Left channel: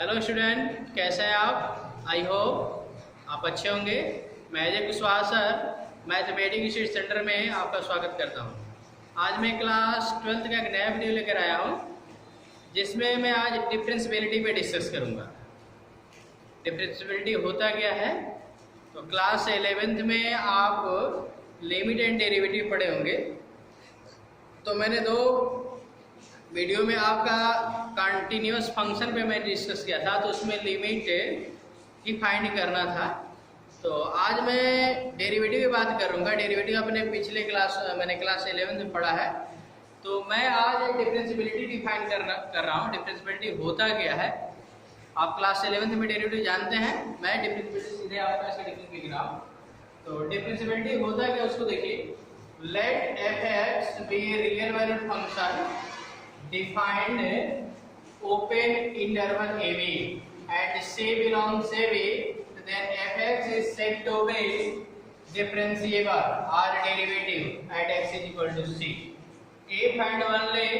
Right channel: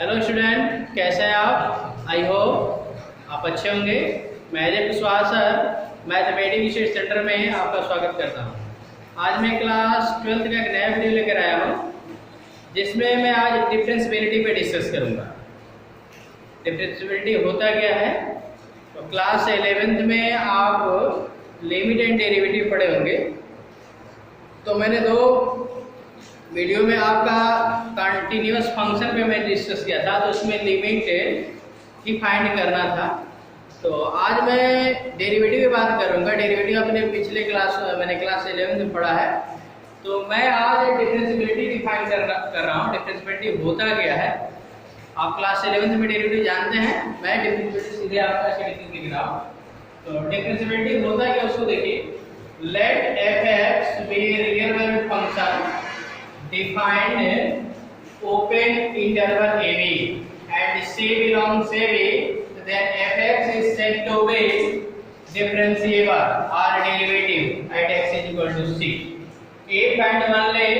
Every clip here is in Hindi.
हेलो स्टूडेंट, कैसे हैं आप? आई होप आप अच्छे होंगे। मैं Ajay Kushwaha sir mathematics research centre में आपका स्वागत करता हूं। आज मैं क्लास 12th का एक नया वीडियो लेकर आया हूं, जिसमें मैं आज डिफरेंशियबिलिटी पे डिस्कस करूंगा। डिफरेंशियबिलिटी होता क्या है? तो क्लास 11th में आप लिमिट एंड डेरिवेटिव पढ़े होंगे। तो मैंने दो वीडियो में आपका कंटिन्यूअस फंक्शन पे मैं डिस्कस किया था, तो उसमें लिमिट ही फाइंड करना था। तो आज मैं डेरिवेटिव की बात करूंगा। डेरिवेटिव अपने पिछले मैंने क्लास 11 में पढ़ा है। तो मैं आज डिफरेंशियबिलिटी डिफाइन कर रहा हूँ। डिफरेंशियबिलिटी होता क्या है? आप क्लास 11 में डेरिवेटिव जानते हैं। मैं डिफरेंशियबिलिटी सीधे आपका स्टेटमेंट लिख रहा हूँ। तो डिफरेंशियबिलिटी होता क्या, उसको देखिए। Let f(x) be real valued function defined open interval AB and C belongs AB, then f(x) is said to be differentiable or derivative at x is equal to C if and only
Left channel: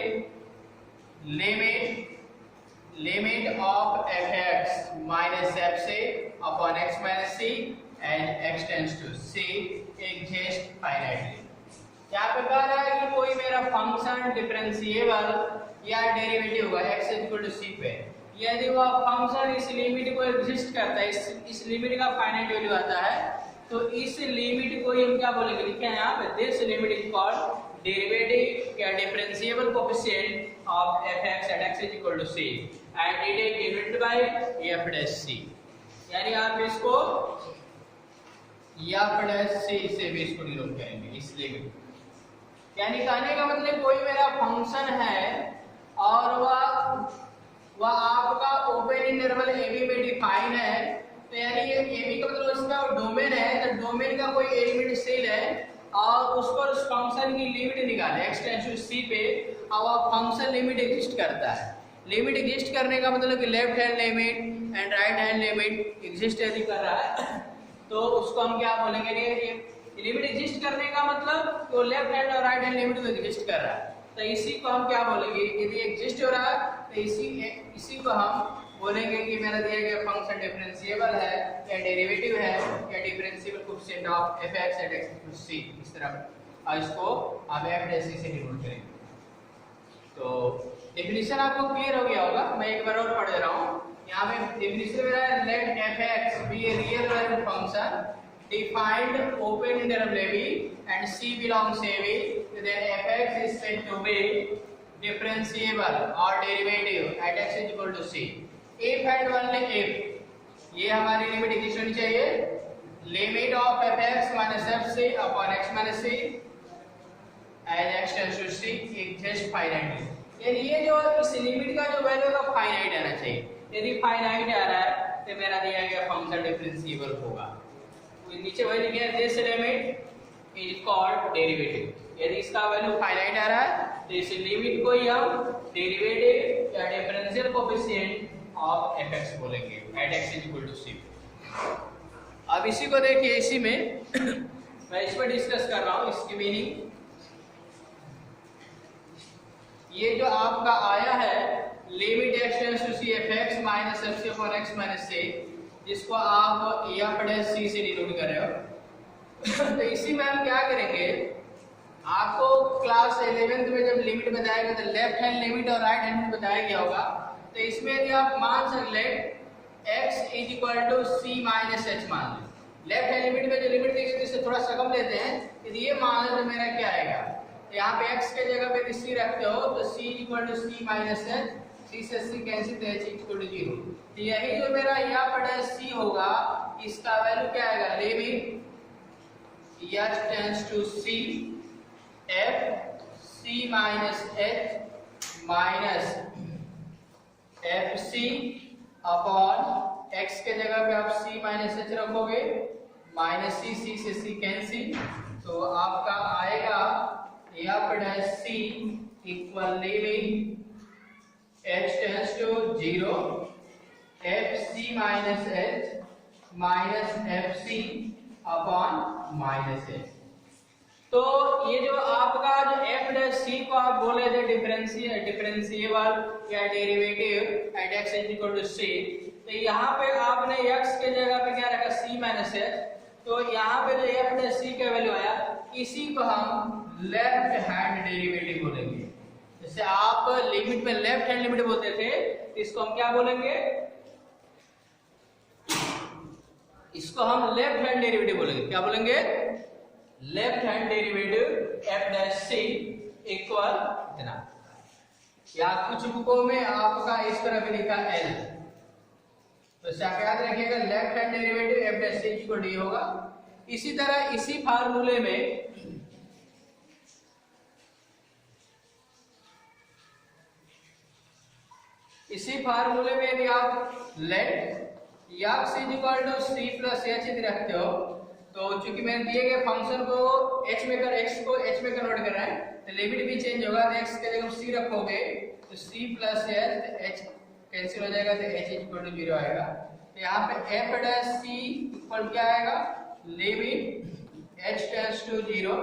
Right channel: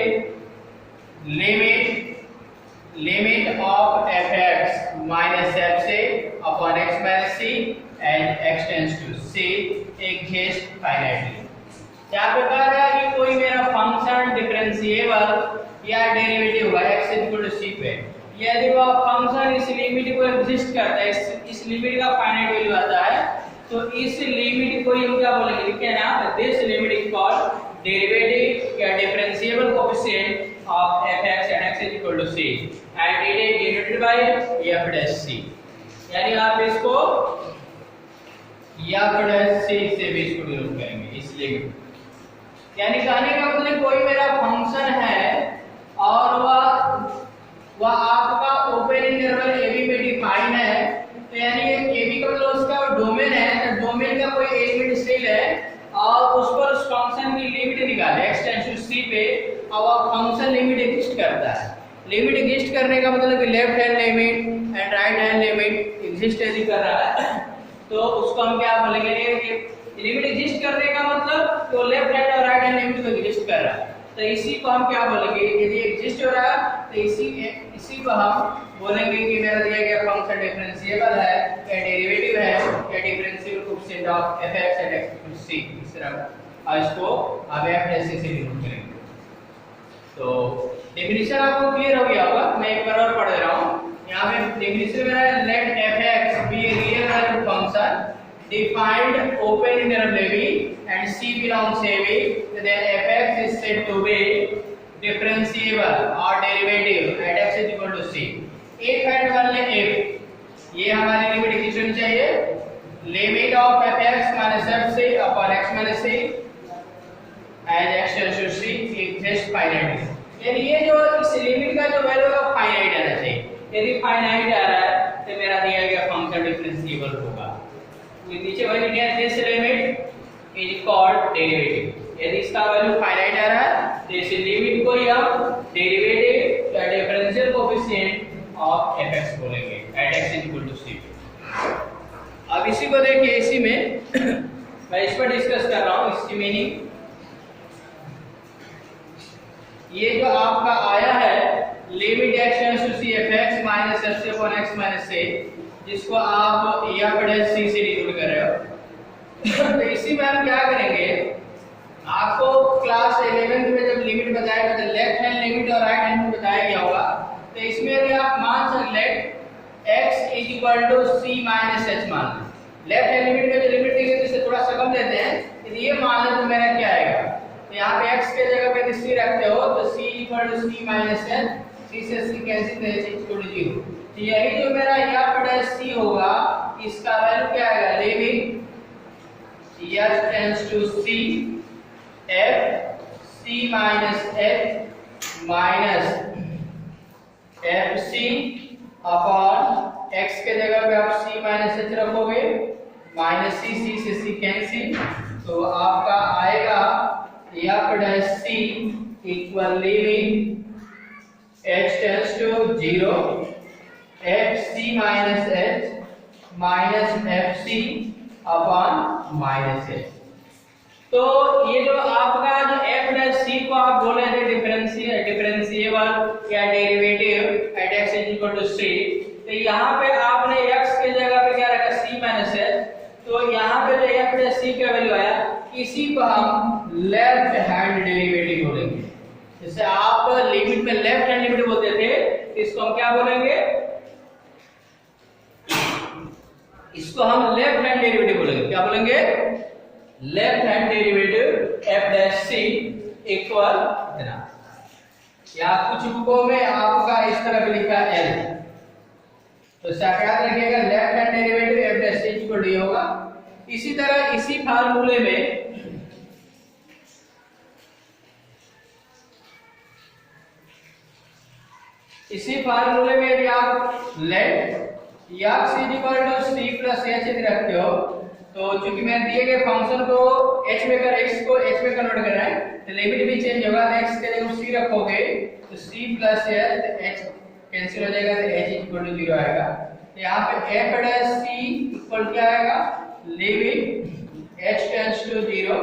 limit of f(x) minus fc upon x minus c and x tends to C exist finitely। यहाँ पे कह रहा है कि कोई मेरा फंक्शन डिफरेंशिएबल या डेरिवेटिव हुआ x इक्वल टू c पे, यदि वह फंक्शन इस लिमिट को एग्जिस्ट करता है, इस लिमिट का फाइनाइट वैल्यू आता है, तो इस लिमिट को हम क्या बोलेंगे? लिखते हैं ना, this limit is called derivative या differentiable coefficient of f(x) at x is equal to c and it is denoted by f dash c। यानी आप इसको f dash c से भी इसको डिनोट करेंगे इस लिमिट। यानी कहने का मतलब कोई मेरा फंक्शन है और वह आपका ओपन इंटरवल AB में डिफाइन है। तो यानी ये AB का मतलब उसका डोमेन है। तो डोमेन का कोई एलिमेंट सेल है और उस पर उस फंक्शन की लिमिट निकाले x टेंड्स टू c पे, और वह फंक्शन लिमिट एग्जिस्ट करता है। लिमिट एग्जिस्ट करने का मतलब कि left hand limit and right hand limit exist यदि कर रहा है, तो उसको हम क्या बोलेंगे? कि लिमिट एग्जिस्ट करने का मतलब वो लेफ्ट हैंड और राइट हैंड लिमिट को एग्जिस्ट कर रहा है। तो इसी को हम क्या बोलेंगे? यदि एग्जिस्ट हो रहा है तो इसी को हम बोलेंगे कि मेरा दिया गया फंक्शन डिफरेंशिएबल है या डेरिवेटिव है या differentiable coefficient of f(x) at x equal to c। इस तरह और इसको हम f dash c से डिनोट करेंगे। तो डेफिनेशन आपको क्लियर हो गया होगा। मैं एक बार और पढ़ दे रहा हूं। यहां पे डेफिनेशन मेरा है, let f(x) be a real valued function defined open interval AB and C belongs AB, then f(x) is said to be differentiable or derivative at x is equal to C if and only if ये हमारी लिमिट एग्जिस्ट होनी चाहिए। Limit of f(x) minus fc upon x minus c as x tends to C exist finitely। यानी ये जो इस लिमिट का जो वैल्यू है फाइनाइट आना चाहिए। यदि फाइनाइट आ रहा है तो मेरा दिया गया फंक्शन डिफरेंशिएबल होगा। नीचे वही लिखा है, this limit is called derivative. यदि इसका वैल्यू फाइनाइट आ रहा है तो इस लिमिट को हम डेरिवेटिव या डिफरेंशियल कोएफिशिएंट ऑफ f(x) बोलेंगे at x is equal to c। अब इसी को देखिए, इसी में मैं इस पर डिस्कस कर रहा हूं इसकी मीनिंग। ये जो आपका आया है limit x tends to c f(x) minus fc upon x minus c, जिसको आप f dash c से डिनोट कर रहे हो। तो इसी में हम क्या करेंगे? आपको क्लास 11 में जब लिमिट बताया गया तो लेफ्ट हैंड लिमिट और राइट हैंड में बताया गया होगा। तो इसमें यदि आप मान सकते let x is equal to c minus h मान लें। लेफ्ट हैंड लिमिट में जो लिमिट दी गई है इससे थोड़ा सा कम लेते हैं। यदि ये मान लें तो मेरा क्या आएगा? तो यहाँ पे x के जगह पे c रखते हो तो c equal to c minus h, c से c कैंसिल तो h इक्वल टू 0। तो यही जो मेरा f dash c होगा, इसका वैल्यू क्या आएगा? Limit h tends to c f c minus h minus f c upon x के जगह पे आप c माइनस h रखोगे, माइनस c से c कैंसिल, तो आपका आएगा f dash c equal limit h tends to 0 fc minus h minus fc upon minus h। तो ये जो आपका जो f dash c को आप बोले थे डिफरेंशिएबल या derivative at x is equal equal to C, तो यहाँ पे आपने x के जगह पे क्या रखा c माइनस h, तो यहाँ पे जो f प्लस c का वैल्यू आया इसी को हम लेफ्ट हैंड डेरिवेटिव बोलेंगे। जैसे आप लिमिट में लेफ्ट हैंड लिमिट बोलते थे, इसको हम क्या बोलेंगे, इसको हम लेफ्ट हैंड डेरिवेटिव बोलेंगे। क्या बोलेंगे? Left hand derivative f dash c equal इतना, या कुछ बुकों में आपका इस तरह भी लिखा है l, तो याद रखिएगा left hand derivative f dash c equal d होगा। इसी तरह इसी फार्मूले में यदि आप let x equal to c plus h यदि रखते हो, तो चूंकि मैंने दिए गए फंक्शन को h में कर x को h में कन्वर्ट करना है, तो लिमिट भी चेंज होगा। तो x के जगह c रखोगे तो c प्लस h, तो h कैंसिल हो जाएगा, तो h इक्वल टू 0 आएगा। तो यहाँ पे f डैश c इक्वल क्या आएगा, limit h tends to 0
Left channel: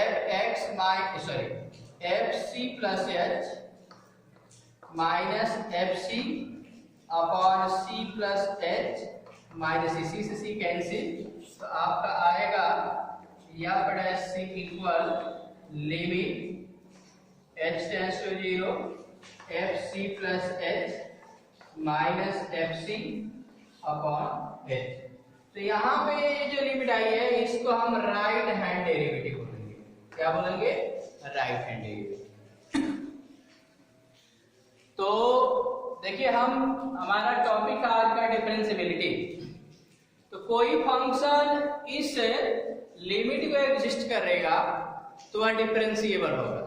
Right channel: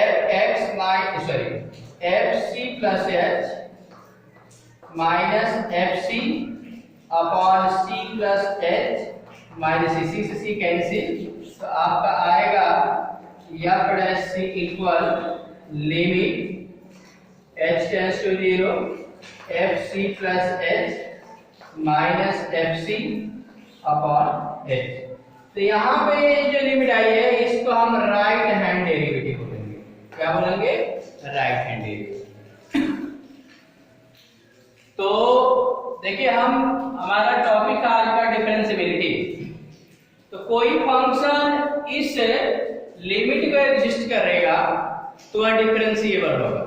fc plus h minus fc upon c plus h minus इसी से c कैंसिल, तो आपका आएगा f dash c equal limit h tends to 0 fc plus h minus fc upon h। तो यहाँ पे जो लिमिट आई है इसको हम राइट हैंड डेरिवेटिव बोलेंगे। क्या बोलेंगे? Right hand derivative. तो देखिए हमारा टॉपिक था आज का डिफरेंशिएबिलिटी। तो कोई फंक्शन इस लिमिट को एग्जिस्ट करेगा तो वह डिफरेंशिएबल होगा।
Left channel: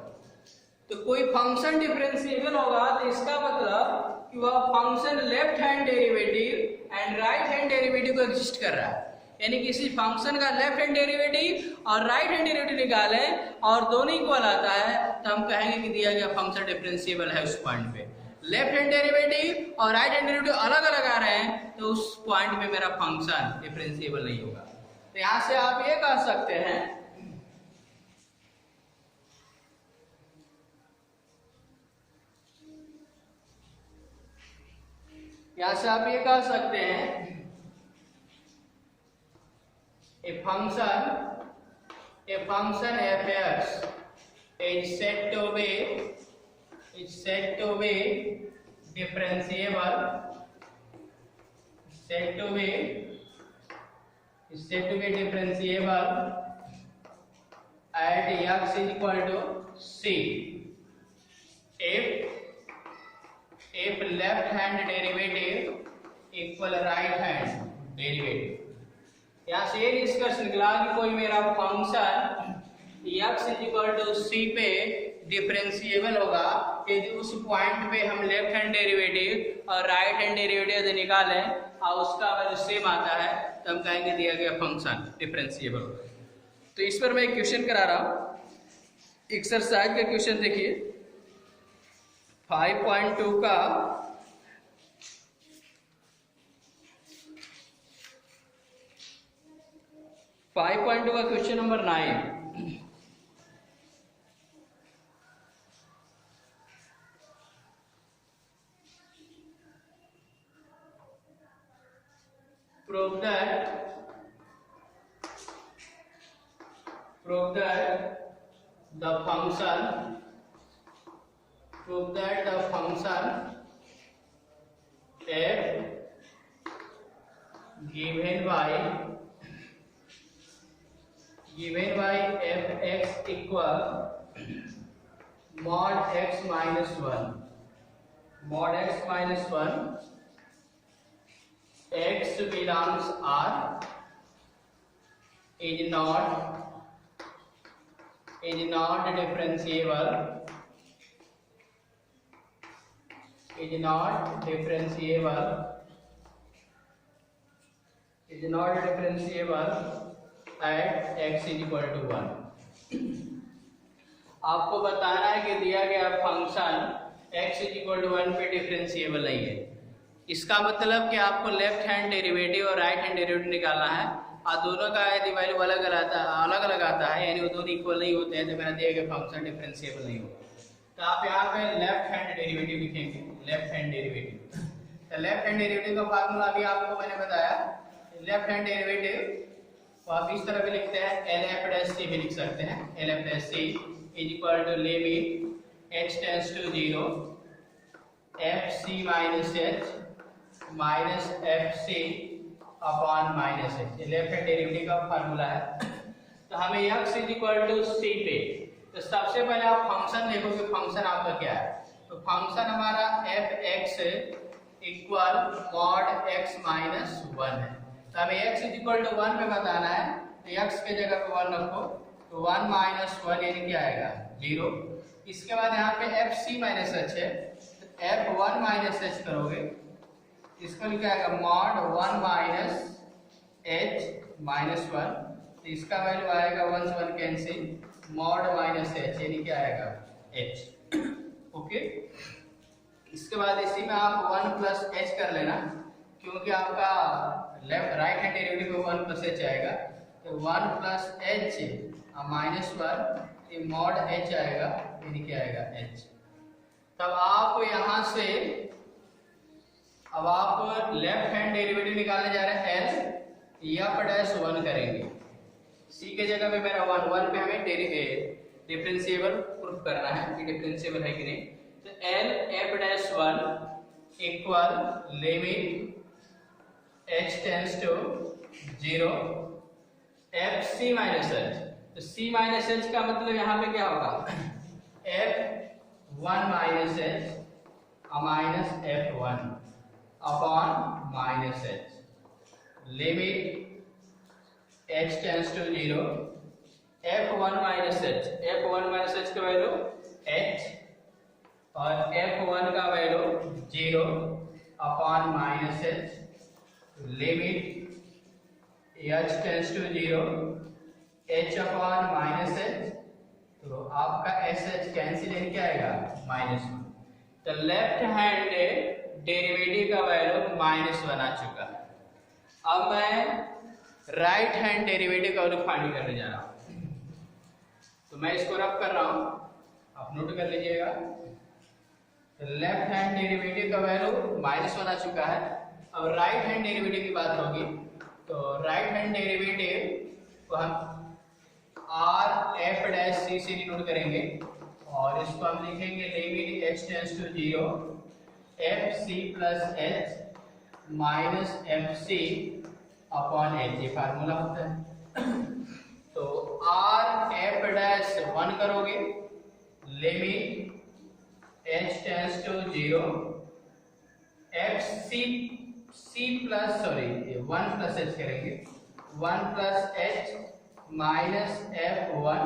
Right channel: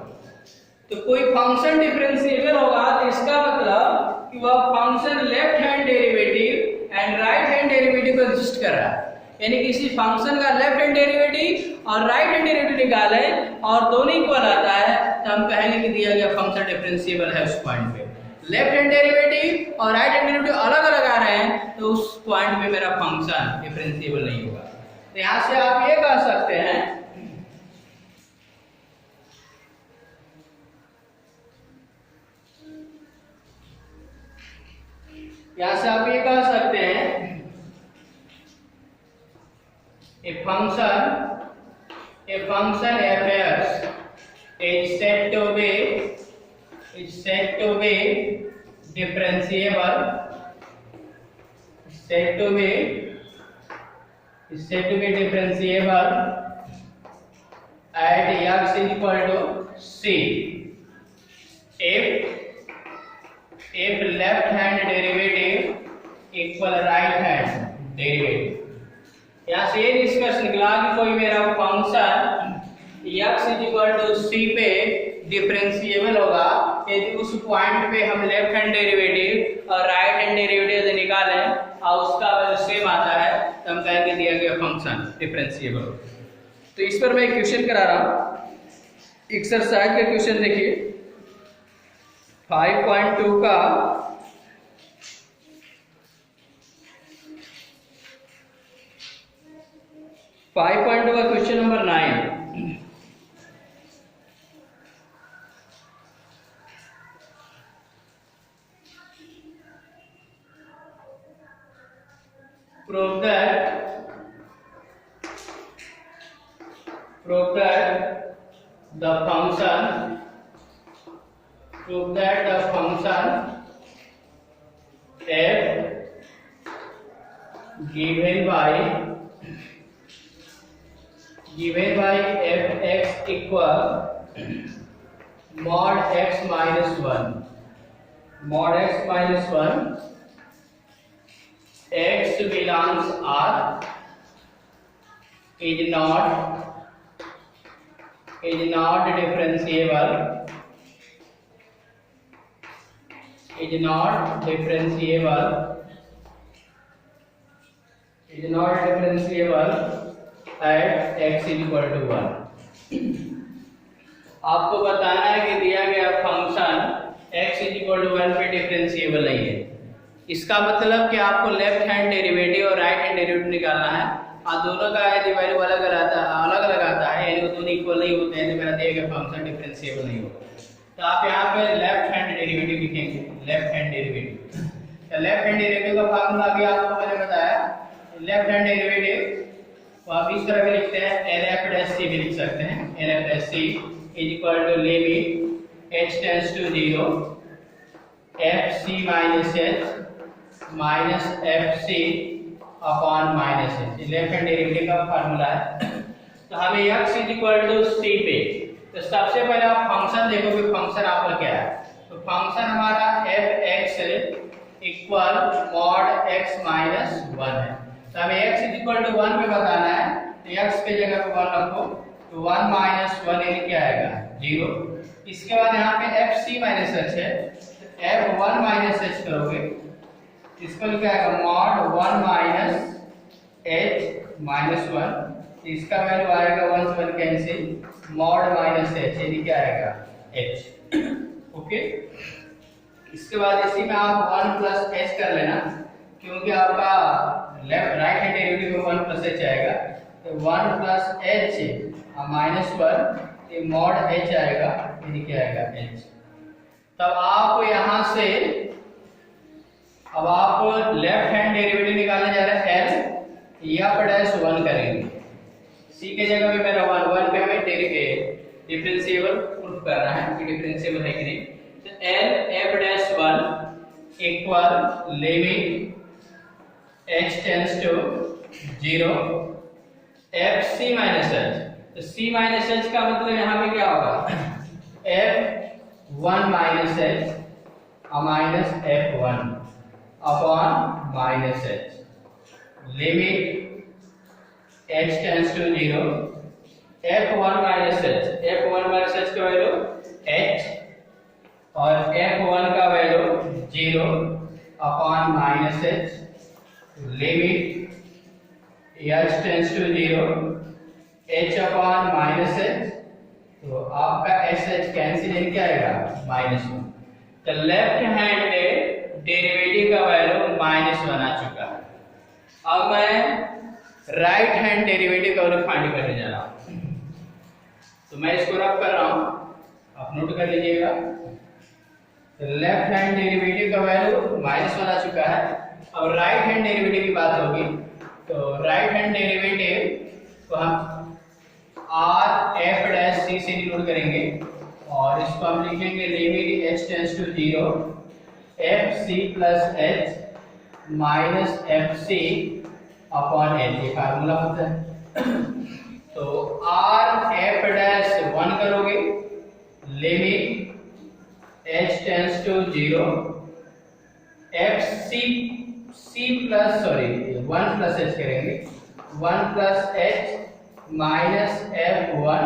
तो कोई फंक्शन डिफरेंशिएबल होगा तो इसका मतलब कि वह function left hand derivative and right hand derivative को एग्जिस्ट कर रहा है। यानी किसी फंक्शन का लेफ्ट हैंड डेरिवेटिव और राइट हैंड डेरिवेटिव निकाले और दोनों इक्वल आता है, तो हम कहेंगे कि दिया गया फंक्शन डिफरेंशिएबल है। उस पॉइंट पे लेफ्ट हैंड डेरिवेटिव और राइट हैंड डेरिवेटिव अलग अलग आ रहे हैं, तो उस पॉइंट पे मेरा फंक्शन डिफरेंशिएबल नहीं होगा। तो यहां से आप ये कह सकते हैं, यहां से आप ये कह सकते हैं a function f(x) is said to be differentiable at x is equal to c if left hand derivative equal right hand derivative। यहाँ से ये डिस्कस निकला कि कोई मेरा function x is equal to c पे डिफरेंशिएबल होगा यदि उस पॉइंट पे हम लेफ्ट हैंड डेरिवेटिव और राइट हैंड डेरिवेटिव यदि निकालें और उसका वैल्यू सेम आता है, तो हम कहेंगे दिया गया फंक्शन डिफरेंशिएबल होगा। तो इस पर मैं एक क्वेश्चन करा रहा हूं। एक्सरसाइज का क्वेश्चन देखिए 5.2 का 5.2 का question number 9। Prove that the function f given by fx equal mod x minus 1 x belongs R is not differentiable at x is equal to 1। आपको बताना है कि दिया गया function x is equal to 1 पे डिफरेंशिएबल नहीं है। इसका मतलब कि आपको लेफ्ट हैंड डेरिवेटिव और राइट हैंड डेरिवेटिव निकालना है, और दोनों का यदि वैल्यू अलग अलग आता है यानी वो दोनों इक्वल नहीं होते हैं, तो मेरा दिया गया फंक्शन डिफरेंशिएबल नहीं होगा। तो आप यहाँ पे लेफ्ट हैंड डेरिवेटिव लिखेंगे। Left hand derivative. तो लेफ्ट हैंड डेरिवेटिव का फार्मूला भी आपको मैंने बताया। लेफ्ट हैंड डेरिवेटिव को आप इस तरह भी लिखते हैं, LF' भी लिख सकते हैं। LF' is equal to limit h tends to 0 fc minus h minus fc upon minus h। Left hand derivative का फार्मूला है। तो हमें x is equal to c पे, तो सबसे पहले आप फंक्शन देखोगे, फंक्शन आपका क्या है। तो फंक्शन हमारा fx equal mod x minus 1 है। तो हमें x इज इक्वल टू 1 पे बताना है, तो x के जगह पे 1 रखो, तो 1 माइनस 1 यानी क्या आएगा 0। इसके बाद यहाँ पे fc माइनस h है, तो f1 माइनस h करोगे, इसको लिखा आएगा मॉड 1 माइनस h माइनस 1, इसका वैल्यू आएगा 1 से 1 कैंसिल, मॉड माइनस h यानी क्या आएगा h। ओके, इसके बाद इसी में आप 1 प्लस h कर लेना, क्योंकि आपका लेफ्ट राइट हैंड डेरिवेटिव में 1 प्लस h आएगा, तो 1 प्लस h माइनस 1 ये मॉड h आएगा यानी क्या आएगा h। तब आप यहाँ से अब आप लेफ्ट हैंड डेरिवेटिव निकालने जा रहे हैं l या डैश 1 करेंगे, c के जगह पे मेरा 1 पे हमें डिफरेंशिएबल प्रूफ करना है कि डिफरेंशिएबल है कि नहीं। तो l f'1 equal limit h tends to 0 fc minus h। तो c माइनस h का मतलब यहाँ पे क्या होगा f1 minus h minus f1 upon minus h limit h tends to 0 f1 minus h का वैल्यू h और f1 का value 0 upon minus h limit h tends to 0 h upon minus h। तो आपका sh कैंसिल क्या आएगा -1। तो लेफ्ट हैंड डेरिवेटिव का वैल्यू -1 आ चुका है। अब मैं राइट हैंड डेरिवेटिव का वैल्यू फाइंड करने जा रहा हूं, तो मैं इसको रब कर रहा हूं, आप नोट कर लीजिएगा। तो लेफ्ट हैंड डेरिवेटिव का वैल्यू -1 आ चुका है। अब राइट हैंड डेरिवेटिव की बात होगी, तो राइट हैंड डेरिवेटिव को हम r(f'(c) से डिनोट करेंगे और इसको हम लिखेंगे limit h tends to 0 fc plus h minus fc upon h, ये फार्मूला होता है। तो r(f'(1) करोगे limit h tends to 0 fc plus 1 plus h करेंगे 1 plus h minus f1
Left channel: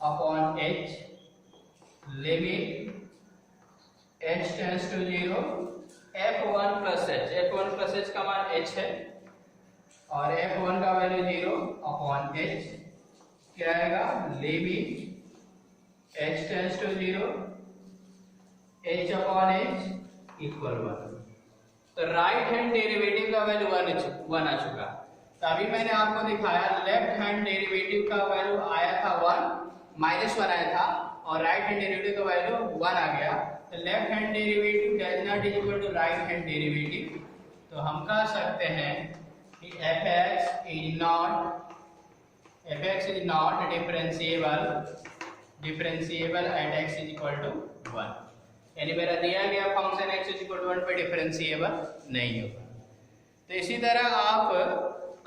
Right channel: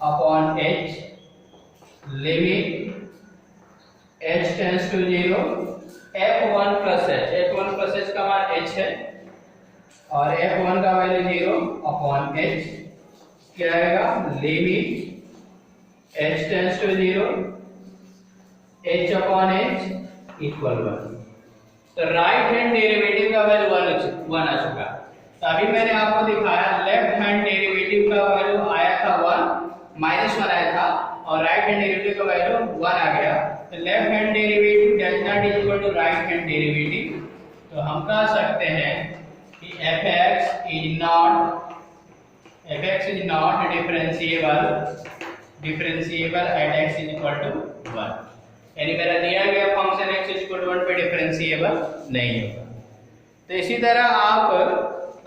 upon h limit h tends to 0 f1 plus h का मान h है और f1 का वैल्यू 0 अपॉन h क्या आएगा limit h tends to 0 h upon h equal 1। तो राइट हैंड डेरिवेटिव का वैल्यू 1 आ चुका। तो अभी मैंने आपको दिखाया लेफ्ट हैंड डेरिवेटिव का वैल्यू आया था 1 -1 आया था और राइट हैंड डेरिवेटिव का वैल्यू 1 आ गया। तो left hand derivative does not equal to right hand derivative. तो हम कह सकते हैं कि fx is not differentiable at x is equal to 1, यानी मेरा दिया गया function x is equal to 1 पे डिफरेंशिएबल नहीं होगा। तो इसी तरह आप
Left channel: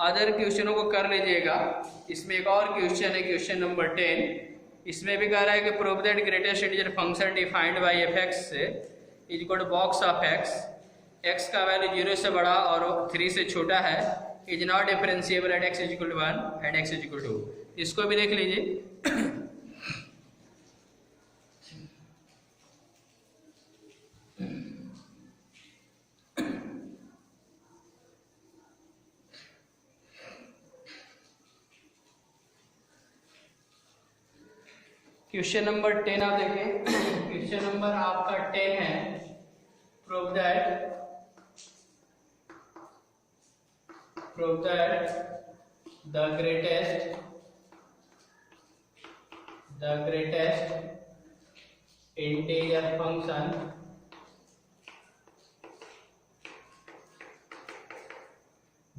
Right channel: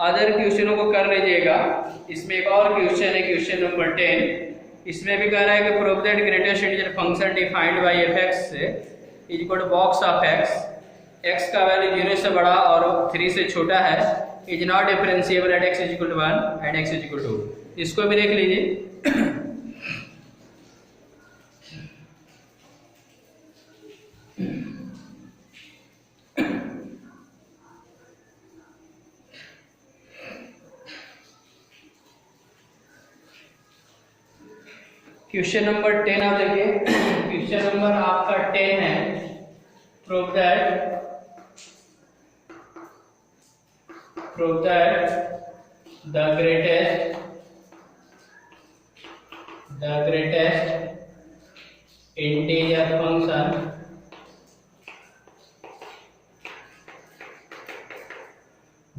अदर क्वेश्चनों को कर लीजिएगा। इसमें एक और क्वेश्चन है, क्वेश्चन नंबर 10। इसमें भी कह रहा है कि prove that greatest integer function defined by fx is equal to box of x का वैल्यू 0 से बड़ा और 3 से छोटा है, is not differentiable at x is equal to 1 and x is equal to 2। इसको भी देख लीजिए। क्वेश्चन नंबर 10 आप देखिए। क्वेश्चन नंबर आपका 10 है, prove that the greatest integer function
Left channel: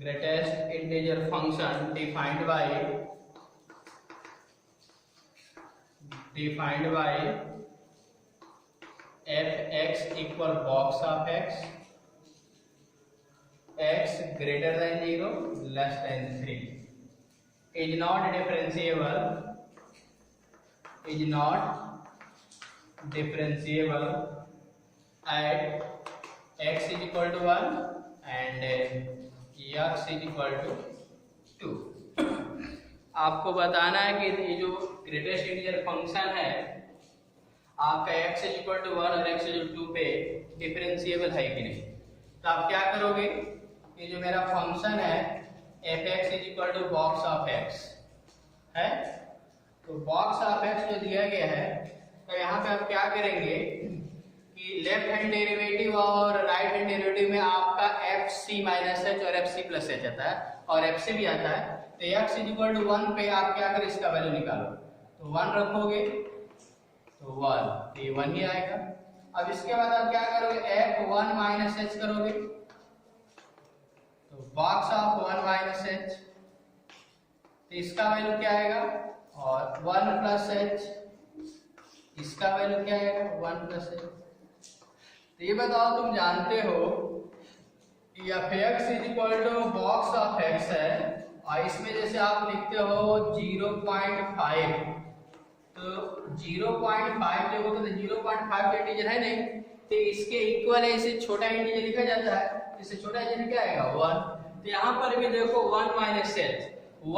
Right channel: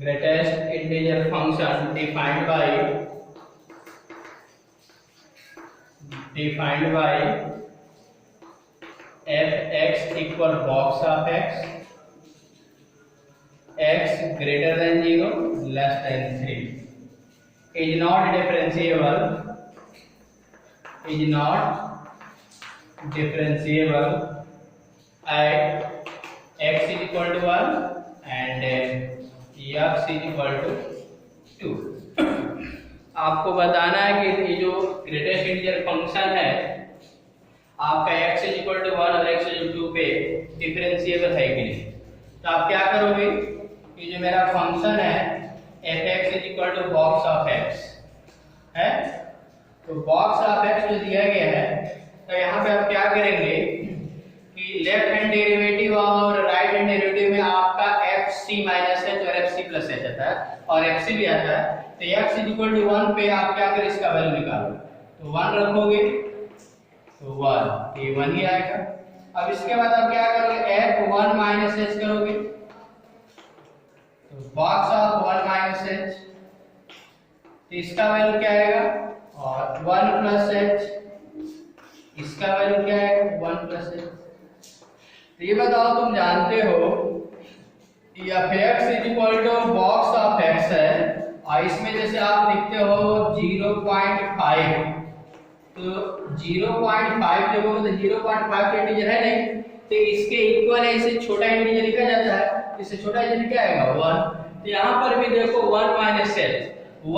greatest integer function defined by f(x) equal box of x greater than 0 less than 3 is not differentiable at x is equal to 1 and x is equal to 2। आपको बताना है कि ये जो ग्रेटेस्ट इंटीजर फंक्शन है आपका x इज इक्वल टू 1 और x इज इक्वल टू 2 पे डिफरेंशिएबल है कि नहीं। तो आप क्या करोगे, ये जो मेरा फंक्शन है f(x) is equal to box of x है, तो बॉक्स ऑफ x जो दिया गया है, तो यहाँ पे आप क्या करेंगे कि लेफ्ट हैंड डेरिवेटिव और राइट हैंड डेरिवेटिव में आपका fc माइनस h और fc प्लस h आता है और fc भी आता है। तो x इज इक्वल टू 1 पे आप क्या करें, इसका वैल्यू निकालो, तो 1 रखोगे तो 1 ये 1 ही आएगा। अब इसके बाद आप क्या करोगे, f1 माइनस h करोगे, तो बॉक्स ऑफ 1 माइनस h, तो इसका वैल्यू क्या आएगा, और 1 प्लस h, इसका वैल्यू क्या आएगा 1 प्लस h। तो ये बताओ तुम जानते हो f(x) is equal to box of x है और इसमें जैसे आप लिखते हो 0.5, तो 0.5 देखोगे तो 0.5 इंटीजर है नहीं, तो इसके इक्वल है, इसे छोटा इंटीजर लिखा जाता है, इससे छोटा इंटीजर क्या आएगा 1। तो यहाँ पर भी देखो 1 माइनस h,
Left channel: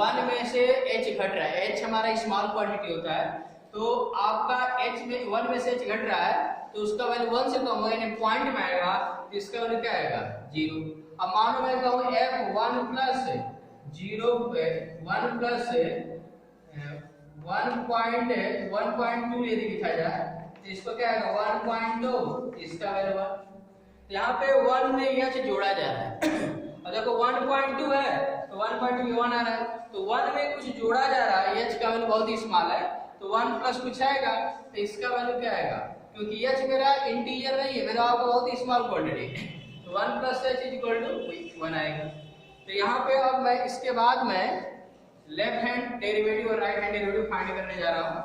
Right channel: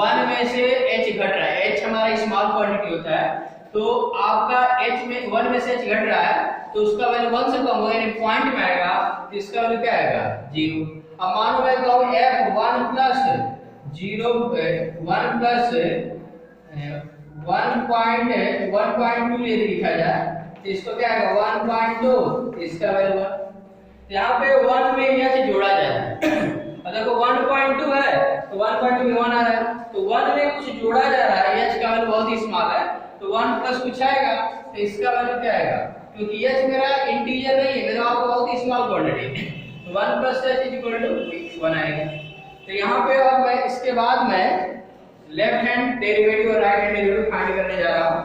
1 में से h घट रहा है, h हमारा स्मॉल क्वांटिटी होता है, तो आपका h में 1 में से h घट रहा है तो उसका वैल्यू 1 से कम होगा यानी पॉइंट में आएगा, तो इसका वैल्यू क्या आएगा 0। अब मान लो मैं कहूं f1 प्लस 0 1 प्लस 1.2 यदि लिखा जाए तो इसको क्या आएगा 1.2, इसका वैल्यू 1। तो यहाँ पे 1 में यहाँ से जोड़ा जाता है और देखो 1.2 है तो 1.2 में 1 आ रहा है, तो 1 में कुछ जोड़ा जा रहा है, h का वैल्यू बहुत ही स्मॉल है, तो 1 प्लस कुछ आएगा, तो इसका वैल्यू क्या आएगा, क्योंकि h मेरा इंटीजर नहीं है, मेरा आपको बहुत ही स्मॉल क्वांटिटी है, तो 1 plus h is equal to 1 आएगा। तो यहाँ पे अब मैं इसके बाद मैं लेफ्ट हैंड डेरिवेटिव और राइट हैंड डेरिवेटिव फाइंड करने जा रहा हूँ।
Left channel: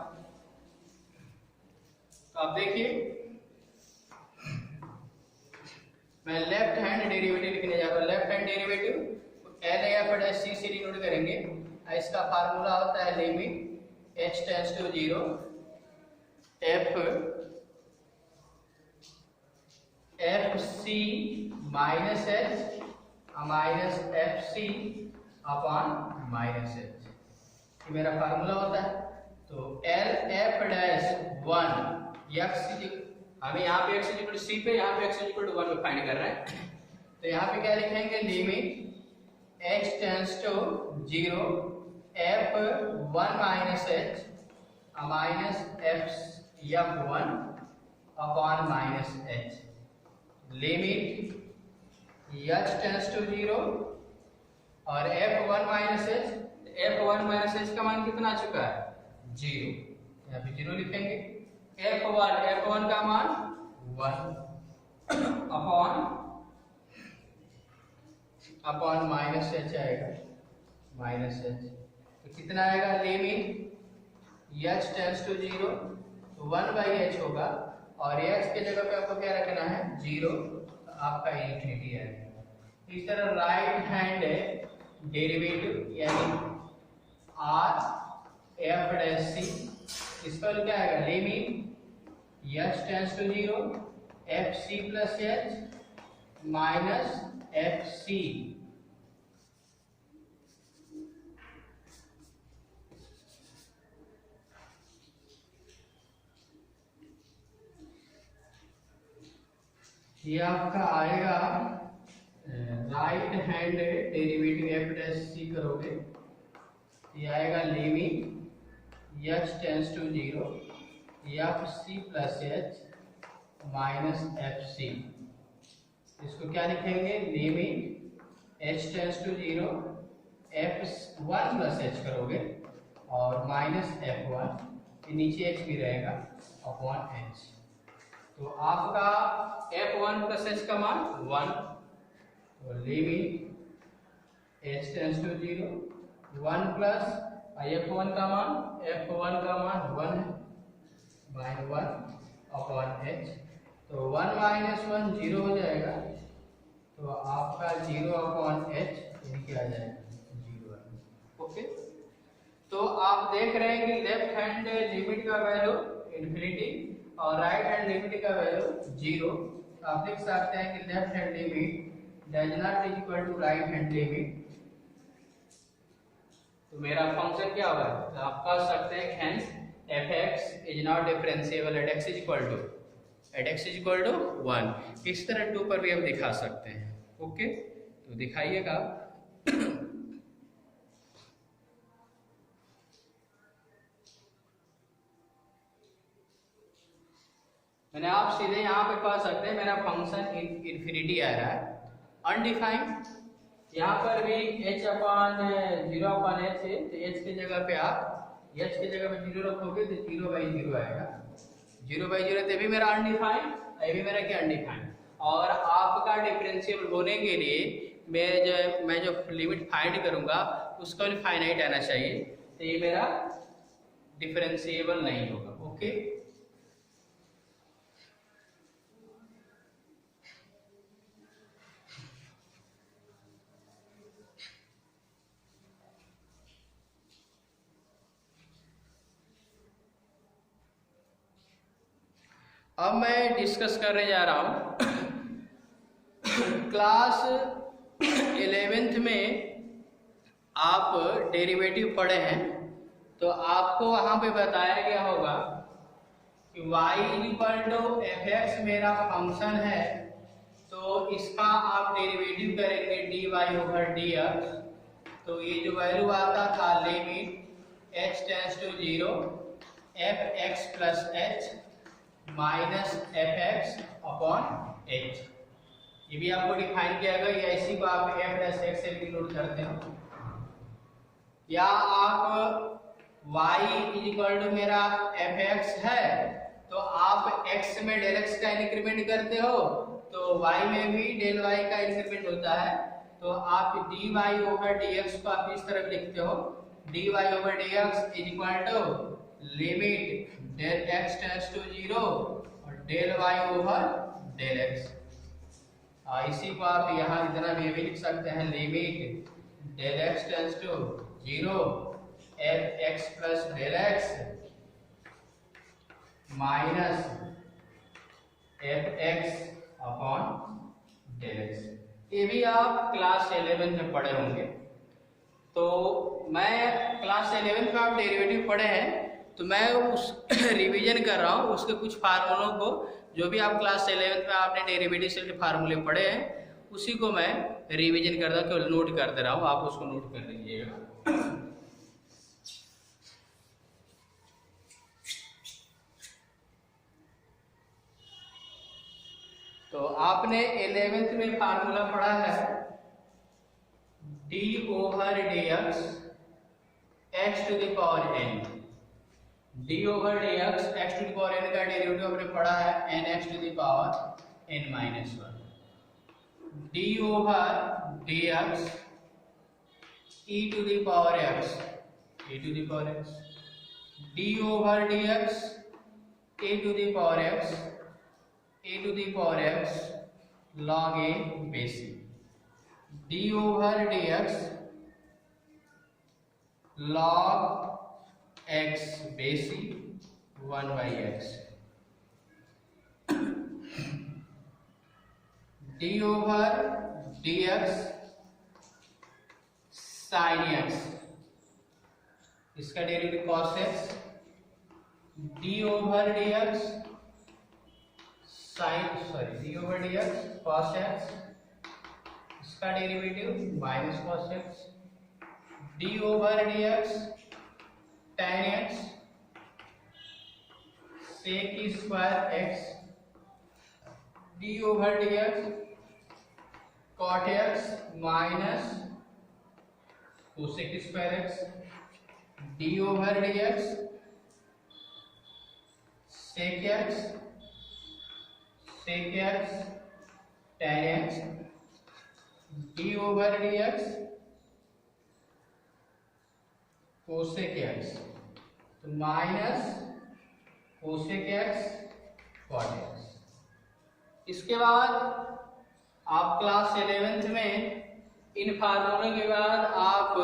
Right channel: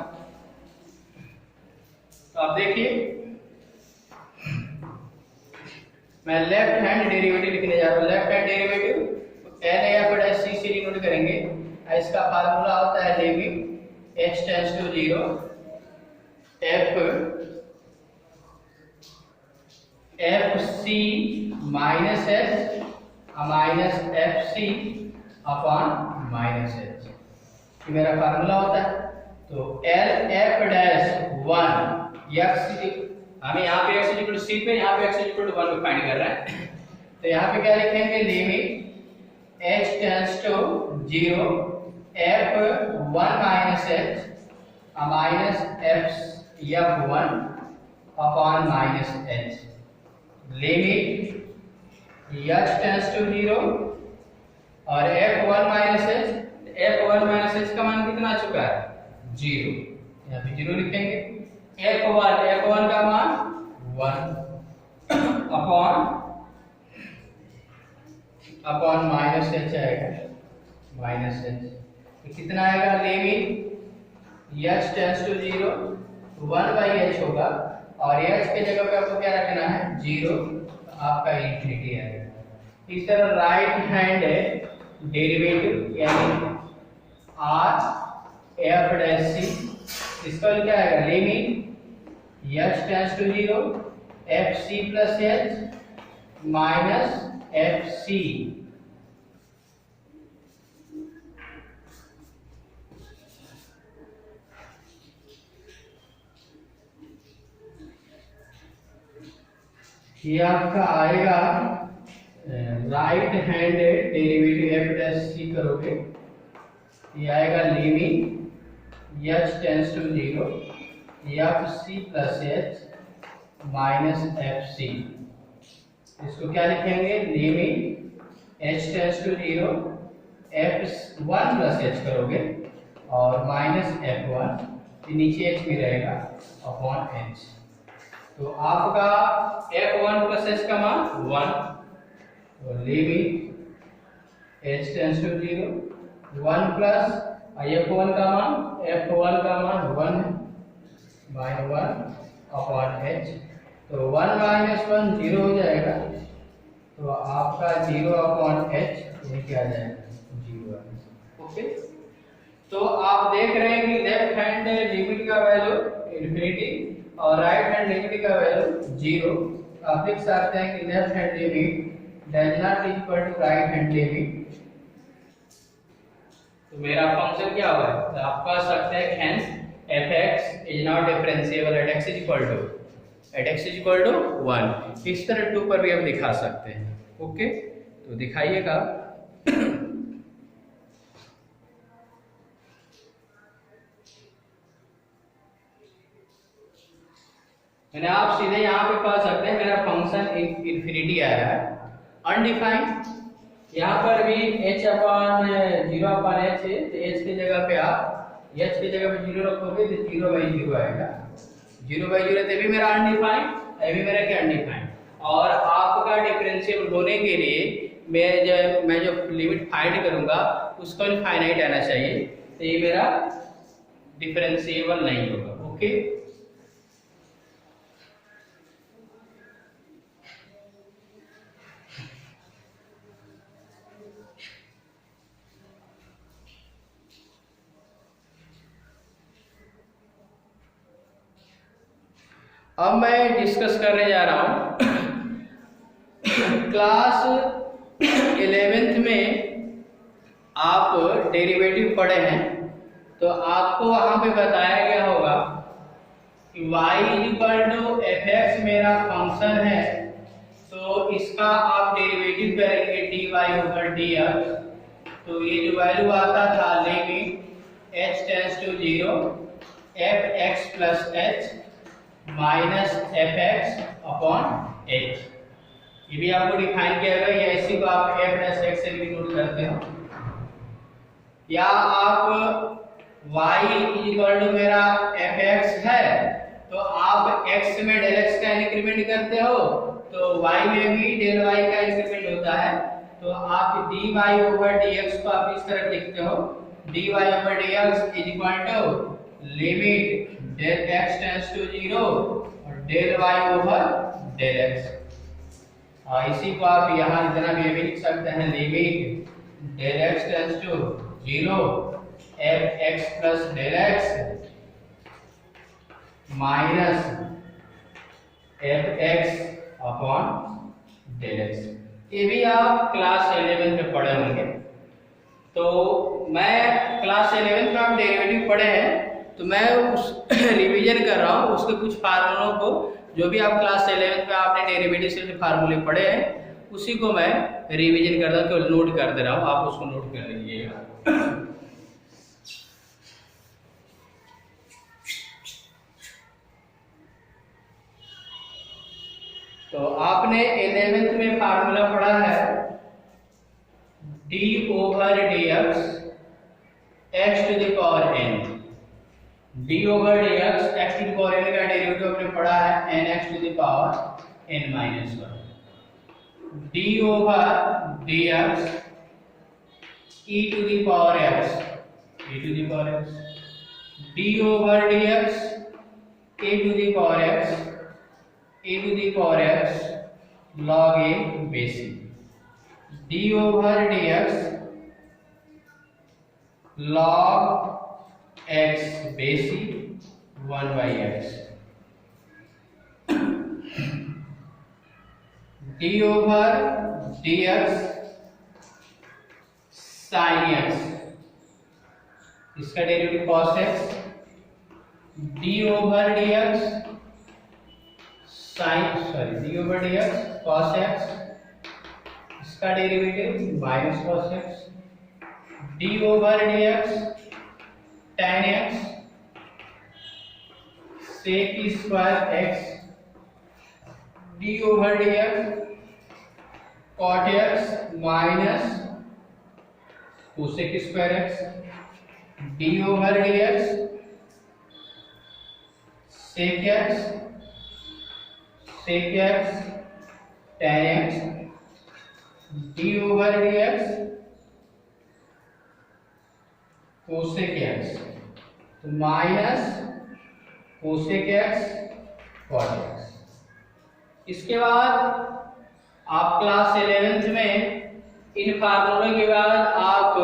तो आप देखिए मैं लेफ्ट हैंड डेरिवेटिव लिखने जा रहा हूँ। लेफ्ट हैंड डेरिवेटिव LF से डिनोट करेंगे, इसका फार्मूला होता है limit h tends to 0 fc minus h minus fc upon minus h, ये मेरा फार्मूला होता है। तो LF'1 x, हमें यहाँ पे x इक्वल टू c पे, यहाँ पे x इक्वल टू 1 पे फाइंड कर रहे हैं, तो यहाँ पे क्या लिखेंगे, limit h tends to 0 f1 minus h minus f1 upon minus h, limit h tends to 0 और f1 माइनस h का मान कितना आ चुका है 0, यहाँ पे 0 लिखेंगे, f1 का मान 1 अपॉन माइनस h आएगा, माइनस h, तो कितना आएगा, limit h tends to 0 1/h होगा और h के जगह पे आपको क्या रखना है 0, तो आपका इंफिनिटी आएगा। इस तरह राइट हैंड डेरिवेटिव यानी RF', इसका क्या आएगा, limit h tends to 0 fc plus h minus fc, ये आपका आएगा राइट हैंड डेरिवेटिव f' करोगे, ये आएगा limit h tends to 0 fc plus h minus fc, इसको क्या लिखेंगे, limit h tends to 0 f1 plus h करोगे और माइनस f1, नीचे h भी रहेगा अपॉन h, तो आपका f1 प्लस h का मान 1, तो limit h tends to 0, 1 plus f1 का मान 1 बाय 1 अपॉन h, तो 1 माइनस 1 0 हो जाएगा, तो आपका 0 अपॉन h ये क्या आ जाएगा 0। ओके, तो आप देख रहे हैं कि लेफ्ट हैंड लिमिट का वैल्यू इन्फिनिटी और राइट हैंड लिमिट का वैल्यू 0। आप देख सकते हैं कि left hand limit does not equal to right hand limit, तो मेरा फंक्शन क्या हुआ है, तो आप कह सकते हैं hence fx is not differentiable at x is equal to 1। इस तरह 2 पर भी हम दिखा सकते हैं। ओके, तो दिखाइएगा। मैंने आप सीधे यहाँ पे कह सकते हैं मेरा फंक्शन इन्फिनिटी आया है, अनडिफाइंड। यहाँ पर भी h अपॉन 0 अपॉन h है, तो h की जगह पे आप h की जगह पे 0 रखोगे तो 0/0 आएगा। 0/0 तो भी मेरा अनडिफाइंड, ये भी मेरा क्या अनडिफाइंड। और आपका डिफरेंशियल होने के लिए मैं जो लिमिट फाइंड करूंगा उसका इनफाइनाइट आना चाहिए, तो ये मेरा डिफरेंशिएबल नहीं होगा। ओके, अब मैं डिस्कस करने जा रहा हूँ क्लास 11th में आप डेरिवेटिव पढ़े हैं, तो आपको वहाँ पे बताया गया होगा कि y=fx मेरा फंक्शन है, तो इसका आप डेरिवेटिव करेंगे dy/dx। तो ये जो वैल्यू आता था limit h tends to 0 fx plus h minus fx upon h, ये भी आपको डिफाइन किया गया। या इसी को आप f प्लस x से भी नोट करते हो, या आप y इक्वल टू मेरा fx है, तो आप x में डेल x का इंक्रीमेंट करते हो, तो y में भी डेल y का इंक्रीमेंट होता है, तो आप dy/dx को आप इस तरह लिखते हो dy/dx is equal to limit del x tends to 0 और del y over del x। इसी को आप यहाँ इतना भी लिख सकते हैं limit del x tends to 0 fx plus del x minus fx upon del x। ये भी आप क्लास 11 में पढ़े होंगे। तो मैं क्लास 11 में आप डेरिवेटिव पढ़े हैं, तो मैं उस रिवीजन कर रहा हूँ उसके कुछ फार्मूलों को, जो भी आप क्लास 11 में आपने डेरिवेटिव से फार्मूले पढ़े हैं उसी को मैं रिवीजन कर रहा हूँ, केवल नोट कर दे रहा हूँ, आप उसको नोट कर लीजिएगा। तो आपने 11th में फार्मूला पढ़ा है d/dx x to the power n। d/dx x to the power n का डेरिवेटिव आपने पढ़ा है nx to the power n minus 1। d/dx e to the power x d/dx a to the power x log a basic। d/dx log x basic 1/x। d/dx sin x, इसका derivative cos x। d/dx d/dx cos x, इसका derivative minus cos x। d/dx tan x sec square x। d/dx cot x minus cosec square x। d/dx sec x tan x। d/dx cosec X, तो minus cosec X cot X. इसके बाद आप क्लास 11th में इन फार्मूलों के बाद आप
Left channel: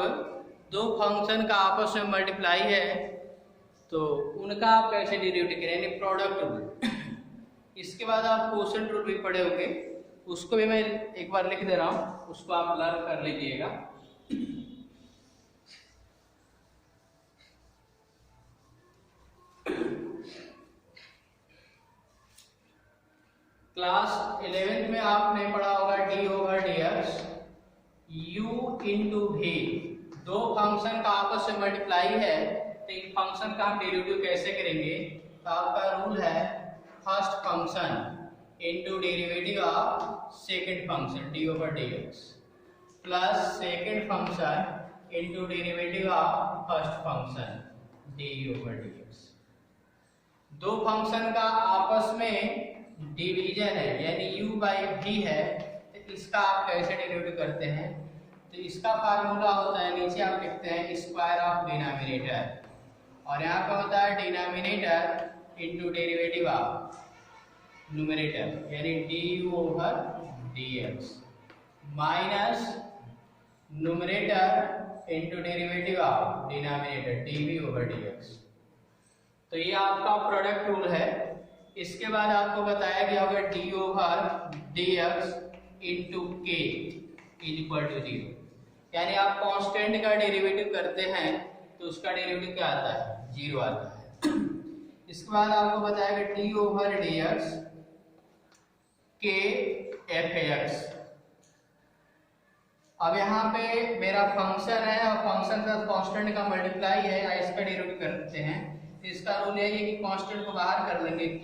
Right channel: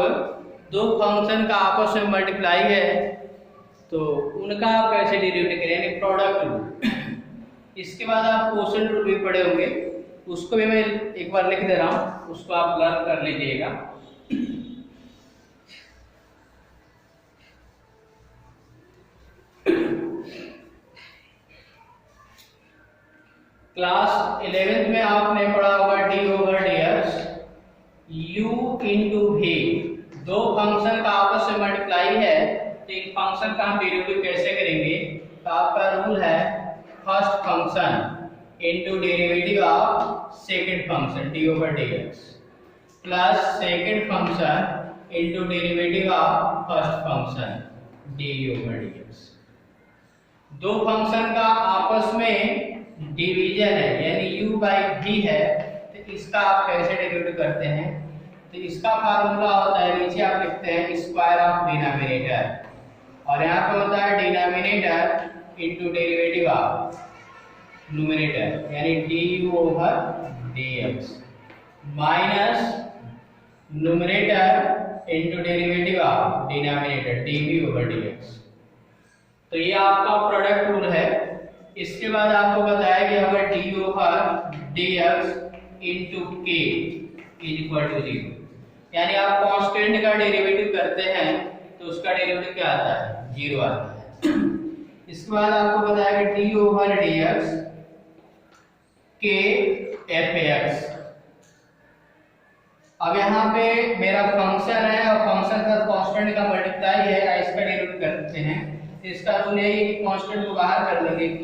दो फंक्शन का आपस में मल्टीप्लाई है तो उनका आप कैसे डेरिवेटिव करें, यानी प्रोडक्ट रूल। इसके बाद आप क्वोशंट रूल भी पढ़े होंगे, उसको भी मैं एक बार लिख दे रहा हूँ, उसको आप लर्न कर लीजिएगा। क्लास 11th में आपने पढ़ा होगा d over d x u into v, दो फंक्शन का आपस में मल्टीप्लाई है तो इन फंक्शन का हम डेरिवेटिव कैसे करेंगे। तो आपका रूल है first function into derivative of second function D over d x plus second function into derivative of first function D over d x. दो फंक्शन का आपस में डिवीजन है यानी u बाई v है, तो इसका आप कैसे डेरिवेटिव करते हैं। तो इसका फार्मूला होता है, नीचे आप लिखते हैं स्क्वायर ऑफ डिनोमिनेटर और यहाँ पे होता है denominator into derivative of numerator यानी du over dx minus numerator into derivative of denominator dv over dx। तो ये आपका प्रोडक्ट रूल है। इसके बाद आपको बताया गया होगा d over d x into के इज इक्वल टू 0, यानी आप कांस्टेंट का डेरिवेटिव करते हैं तो उसका डेरिवेटिव क्या आता है, 0 आता है। इसके बाद आपको बताया गया डी ओवर डी एक्स के एफ एक्स। अब यहाँ पे मेरा फंक्शन है और फंक्शन का कांस्टेंट का मल्टीप्लाई है, इसका डेरिवेटिव करते हैं। इसका रूल है कि कांस्टेंट को बाहर कर लेंगे k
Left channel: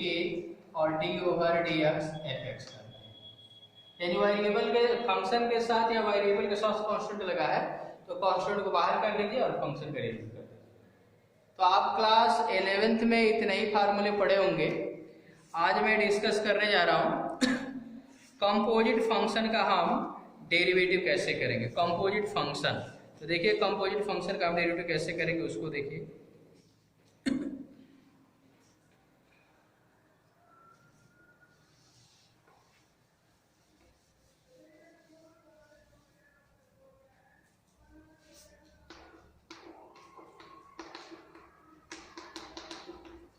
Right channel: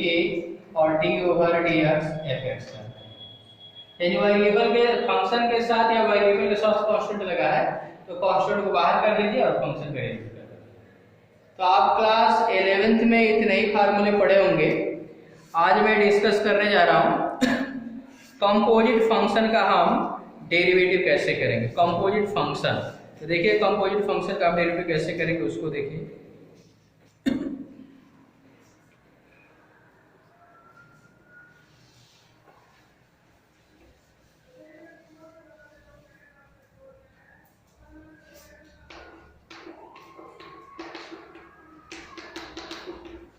और d ओवर dx fx का, यानी वेरिएबल के फंक्शन के साथ या वेरिएबल के साथ कांस्टेंट लगा है तो कांस्टेंट को बाहर कर लीजिए और फंक्शन का डेरिवेटिव कर लीजिए। तो आप क्लास 11th में इतने ही फार्मूले पढ़े होंगे। आज मैं डिस्कस करने जा रहा हूँ कंपोजिट फंक्शन का हम डेरिवेटिव कैसे करेंगे। कंपोजिट फंक्शन, तो देखिए कंपोजिट फंक्शन का हम डेरिवेटिव कैसे करेंगे उसको देखिए।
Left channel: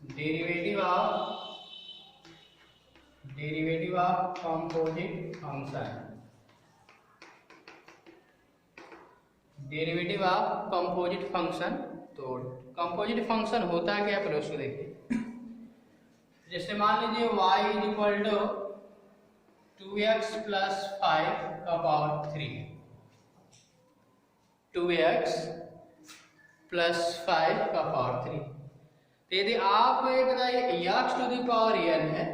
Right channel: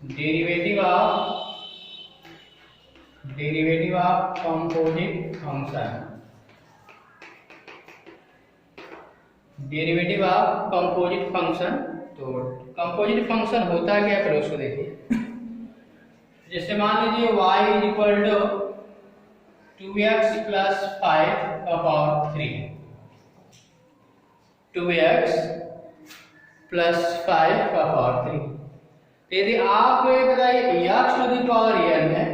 Derivative of composite function, derivative of composite function. तो कंपोजिट फंक्शन होता क्या है, उसको देखिए। जैसे मान लीजिए y is equal to 2x plus 5 का पावर 3, 2x प्लस 5 का पावर 3। यदि आप बताइए x to the power n है,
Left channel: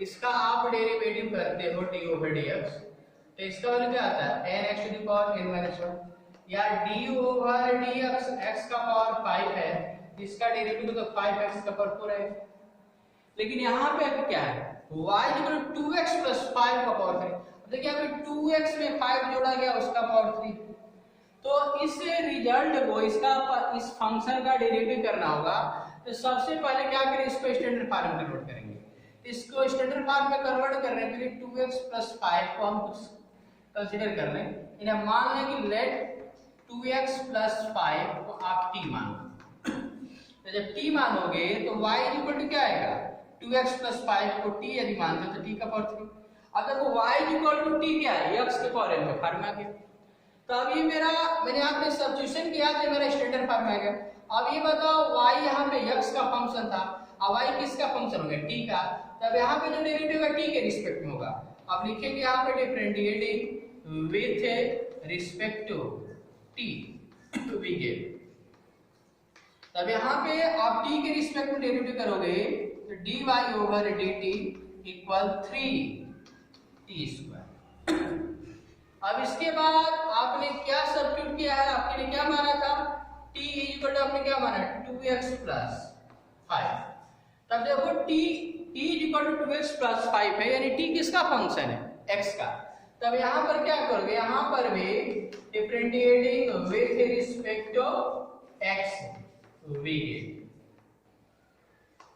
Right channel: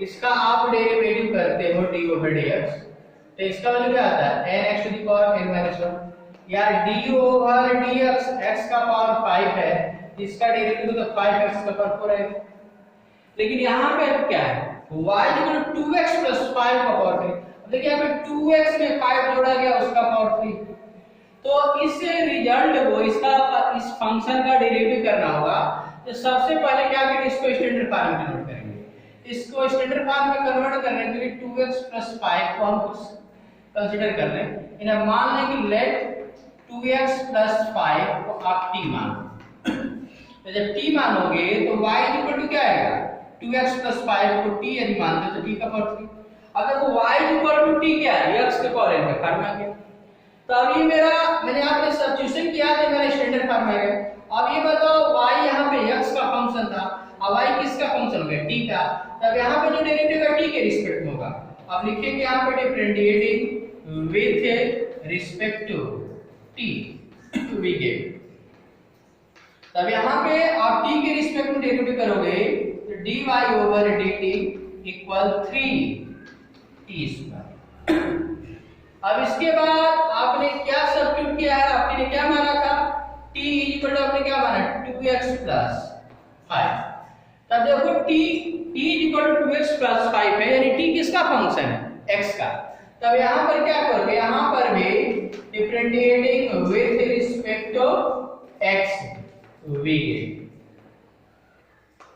इसका आप डेरिवेटिव करते हो d ओवर dx, तो इसका वैल्यू क्या आता है n x to the power n minus 1, या d ओवर dx x का पावर 5 है, इसका डेरिवेटिव तो 5x का पावर 4 है। लेकिन यहाँ पे क्या है, y equal to 2x plus 5 का पावर 3। देखिए यहाँ पे 2x में 5 जोड़ा गया उसका पावर 3, तो इस रिजल्ट को इस फंक्शन का डेरिवेटिव करना होगा। तो सबसे पहले क्या करें, इसको स्टैंडर्ड फॉर्म में कन्वर्ट करेंगे। इसको स्टैंडर्ड फॉर्म में कन्वर्ट करने के लिए 2x प्लस 5 को हम कंसीडर कर रहे हैं। इन्हें मान लें कि लेट 2x प्लस 5 को आप t मानो। तो जब t मानोगे तो y इक्वल टू क्या आएगा, 2x प्लस 5 को t यदि मानते तो t का पावर 3। अब देखो y इक्वल टू t क्या है, x के पावर n का फॉर्म आ गया। तो अब ये मेरा मैंने आपने सब्स्टिट्यूशन किया तो मेरा स्टैंडर्ड फॉर्म आ गया। अब ये बताओ y यहाँ पे x का फंक्शन था, अब y किसका फंक्शन हो गया, t का। तब यहाँ पे जो डेरिवेटिव है t के रिस्पेक्ट में होगा। अब लिखेंगे यहाँ पे differentiating with respect to t to be given. तब यहाँ पे आप t के रिस्पेक्ट में डेरिवेटिव करोगे तो dy over dt equal 3t square. अब इसके बाद आपने क्या सब्स्टिट्यूट किया है, आपने क्या माना था, t इक्वल टू आपने क्या माना 2x प्लस 5। तब देखो t equal to 2x plus 5 है, यानी t किसका फंक्शन है, x का। तब यहाँ पर क्या करोगे, यहाँ पर भी differentiating with respect to x v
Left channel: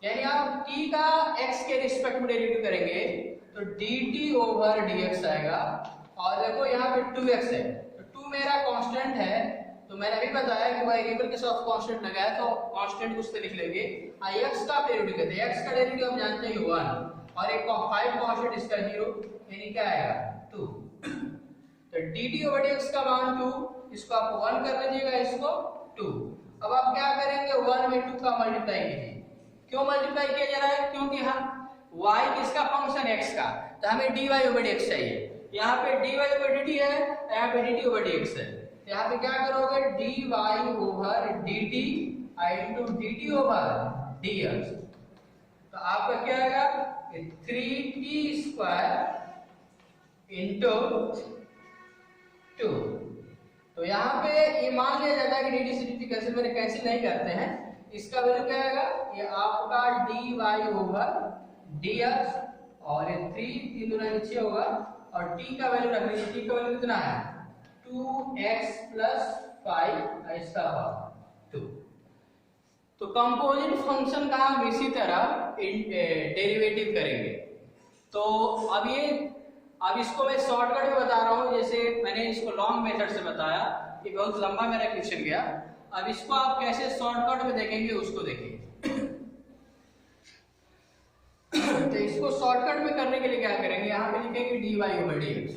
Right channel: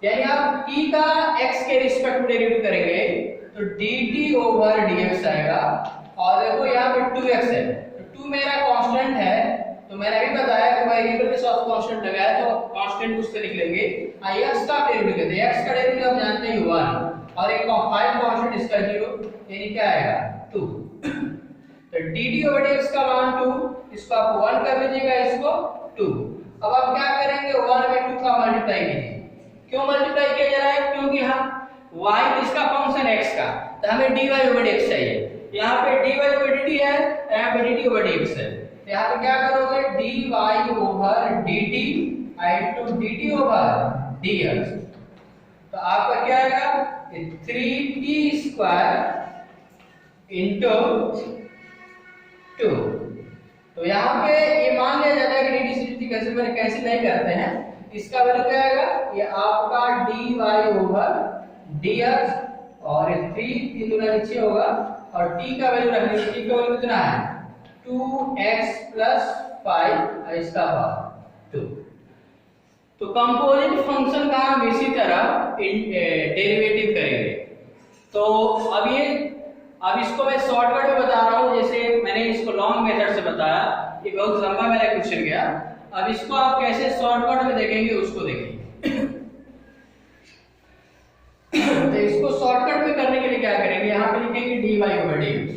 यानी आप t का x के रिस्पेक्ट में डेरिवेटिव करेंगे तो dt ओवर dx आएगा। और देखो यहाँ पे 2x है तो 2 मेरा कांस्टेंट है, तो मैंने अभी बताया कि वेरिएबल के साथ कांस्टेंट लगाया तो कांस्टेंट उस पे लिख लेंगे। x का डेरिवेटिव कहते हैं, x का डेरिवेटिव आप जानते हैं 1 और एक 5 कांस्टेंट इसका 0 यानी क्या आएगा 2। तो dt ओवर dx का मान 2, इसको आप 1 कर लीजिएगा, इसको 2। अब आप क्या करेंगे 1 में 2 का मल्टीप्लाई कीजिए। क्यों मल्टीप्लाई किया जा रहा है? क्योंकि हम y किसका फंक्शन x का, तो हमें dy ओवर dx चाहिए। यहाँ पे dy ओवर dt है, यहाँ पे dt ओवर dx है, तो यहाँ पे क्या करोगे dy over dt into dt over dx। तो आपका क्या आएगा 3t स्क्वायर इंटू 2। तो यहाँ पे ये मान लिया जाता है कि dt से dt कैंसिल नहीं करते हैं, इसका वैल्यू क्या आएगा ये आपका dy ओवर dx और 3 दूना 6 होगा और t का वैल्यू रख लीजिए। t का वैल्यू कितना है 2x प्लस 5 इसका पावर 2। तो कंपोजिट फंक्शन का हम इसी तरह डेरिवेटिव करेंगे। तो अब इसको मैं शॉर्टकट में बता रहा हूँ, जैसे मैंने इसको लॉन्ग मेथड से बताया, ये बहुत लंबा मेरा क्वेश्चन गया। अब इसको आप कैसे शॉर्टकट में देखेंगे उसको देखेंगे। तो इसको शॉर्टकट में करने के लिए क्या करेंगे, यहाँ पे लिखेंगे dy ओवर dx।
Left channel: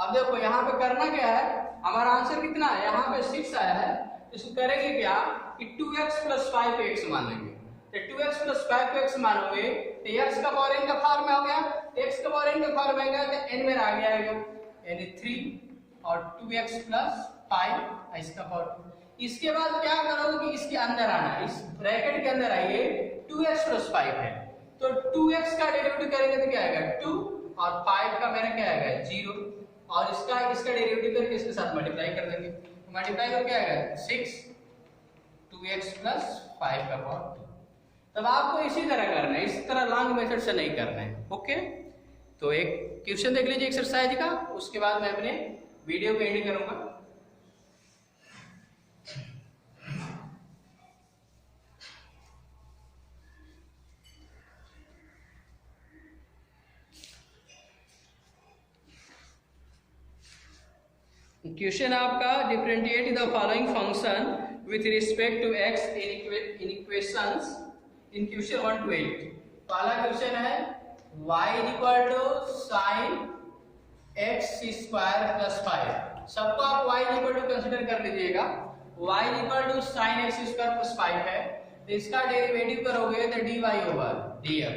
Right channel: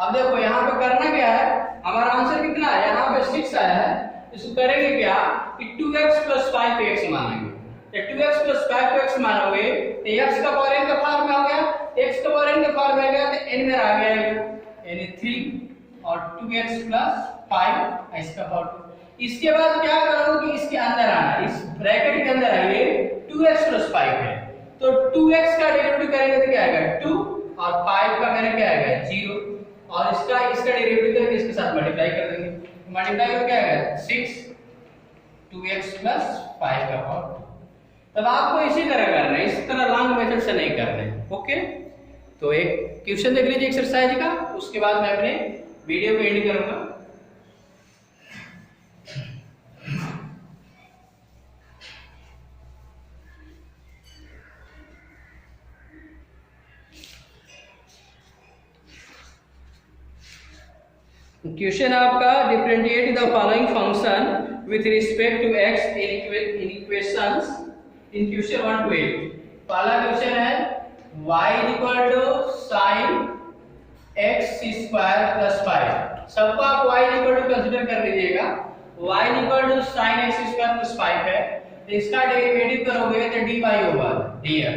अब देखो यहाँ पे करना क्या है, हमारा आंसर कितना है यहाँ पे 6 आया है, इसको करेंगे क्या कि 2x प्लस 5 पे x मानेंगे। तो 2x प्लस 5 पे x मानोगे तो x का पावर n का फॉर्म में आ गया, x का पावर n का फॉर्म में आ गया तो n में आ गया यानी 3 और 2x प्लस 5 इसका पावर 2। इसके बाद क्या करोगे कि इसके अंदर आना, इस ब्रैकेट के अंदर आइए 2x प्लस 5 है तो 2x का डेरिवेटिव करेंगे तो क्या आएगा 2 और 5 का करेंगे क्या आएगा 0 और इसका डेरिवेटिव करके इसके साथ मल्टीप्लाई कर देंगे। मल्टीप्लाई करके क्या आएगा 6 2x प्लस 5 का पावर। तब आपको इसी तरह करना है, इस तरह लॉन्ग मेथड से नहीं करना है। ओके, तो एक क्वेश्चन देख लीजिए एक्सरसाइज का, उसके बाद मैं अपने वीडियो को एंड करूंगा। क्वेश्चन आपका differentiate the following function with respect to x in equations in question 1 to 8। पहला क्वेश्चन है y equal to sin x square plus 5। सबको आप y इक्वल टू कंसीडर कर लीजिएगा। y equal to sin x square plus 5 है, तो इसका डेरिवेटिव करोगे तो dy ओवर dx।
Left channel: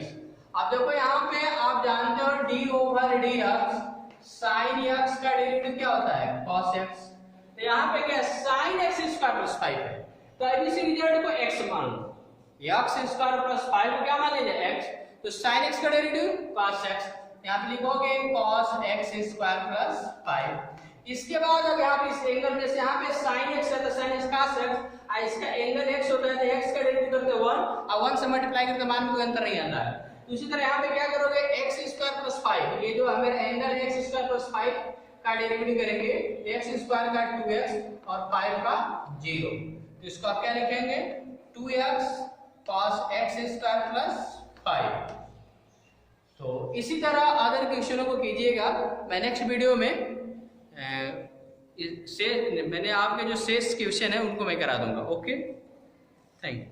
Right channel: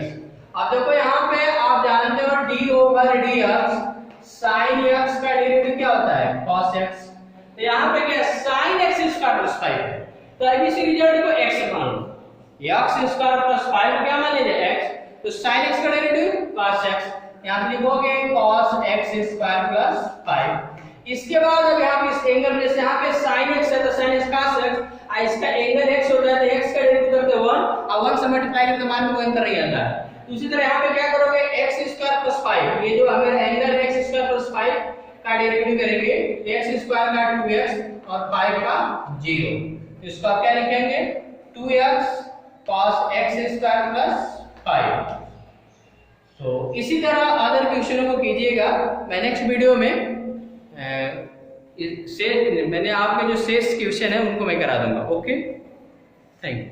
अब देखो यहाँ पे आप जानते हो d over dx sin x का डेरिवेटिव क्या होता है cos x। तो यहाँ पे क्या sin x स्क्वायर प्लस 5 है, तो अब इस रिजल्ट को x मान लो, x स्क्वायर प्लस 5 को क्या मान लीजिए x, तो sin x का डेरिवेटिव cos x, यहाँ पे लिखोगे cos x स्क्वायर प्लस 5। इसके बाद अब यहाँ पे इस एंगल में से यहाँ पे sin x है तो sin x cos x, इसका एंगल x होता है तो x का डेरिवेटिव करते 1 और 1 से मल्टीप्लाई करके मान में कोई अंतर नहीं आता है। उसी तरह यहाँ पे क्या करोगे x स्क्वायर प्लस 5, ये जो हमारा एंगल है x स्क्वायर प्लस 5 का डेरिवेटिव करेंगे, x स्क्वायर का 2x और 5 का 0, इसको आप क्या लिखेंगे 2x cos x square plus 5। तो इसी तरह अदर क्वेश्चनों को कीजिएगा। मैं नेक्स्ट वीडियो में मैंने आपके जो शेष क्वेश्चन है उनको मैं करा दूंगा। Okay, thank you.